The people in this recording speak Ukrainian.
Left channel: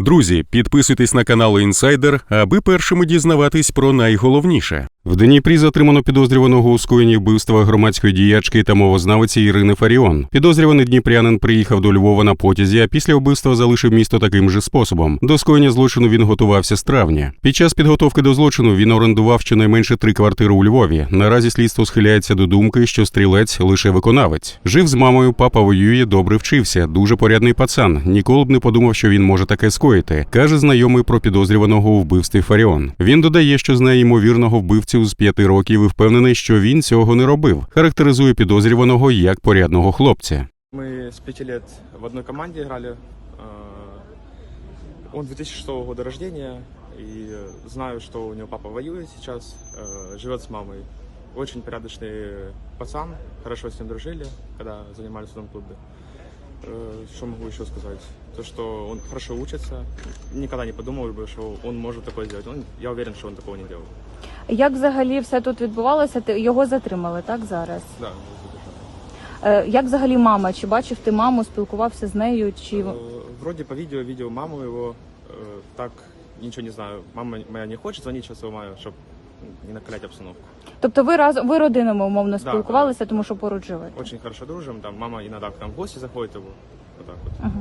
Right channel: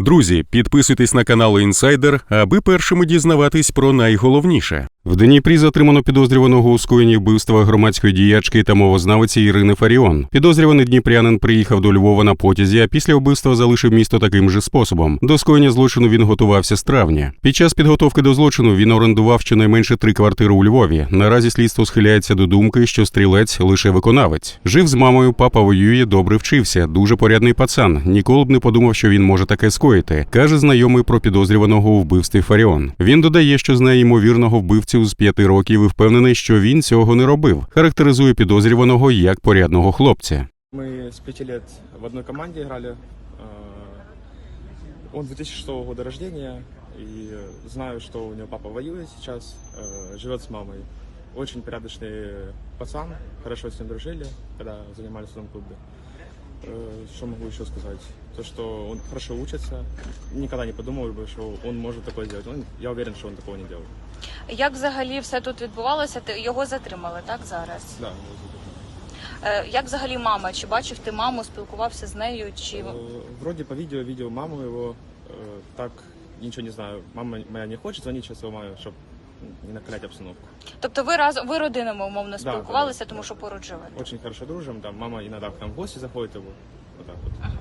Друзі, підписуйтесь на канал Інсайдер, аби першими дізнаватись про найголовніше. В Дніпрі затримано підозрюваного у скоєнні вбивства громадської діячки та мовознавиці Ірини Фаріон. Підозрюваний дніпрянин приїхав до Львова на потязі, а після вбивства залишив місто таким же способом. До скоєння злочину він готувався з травня. Під час підготовки до злочину він орендував щонайменше три квартири у Львові. Наразі слідство схиляється до думки, що стрілець лише виконавець. Жив з мамою, папа воює, добре вчився. Дуже порядний пацан. Ніколи б не подумав, що він може таке скоїти, каже знайомий про підозрюваного у вбивстві Фаріон. Він додає, що знає ймовірного вбивцю з п'яти років і впевнений, що він цього не робив. Характеризує підозрюваного як порядного хлопця. Мы с пяти лет в одной команде играли. Э, Он 2006 года рождения, и знаю, что у него папа воюет сейчас, э, живет с мамой. Очень порядочный пацан, хорошо с ним дружили, когда занимались в одном клубе. Э, Что могу еще сказать? То, что он хорошо учится. Никогда не подумал бы, что он может такое сделать. Он, я уверен, что он такого не делал. Як взагалі все тут відбувалося? Ти- Його затримали, так зараз? Да, его задержали. Е, Як взагалі мама? Чи бачив ти маму, спілкувався з нею? Чи Э, Вроде по видео видел маму его, э, так ничего не знаю. Мама моя не хочет звонить сейчас его маме, чтобы не накалять обстановку. тобто ви разом ви родинами умовно спілкувалися, да, да, тому да. що поруч жили? Очень хорошо дружим, там мама іноді к нам в гості заходить. его, вот так вот. Мгм.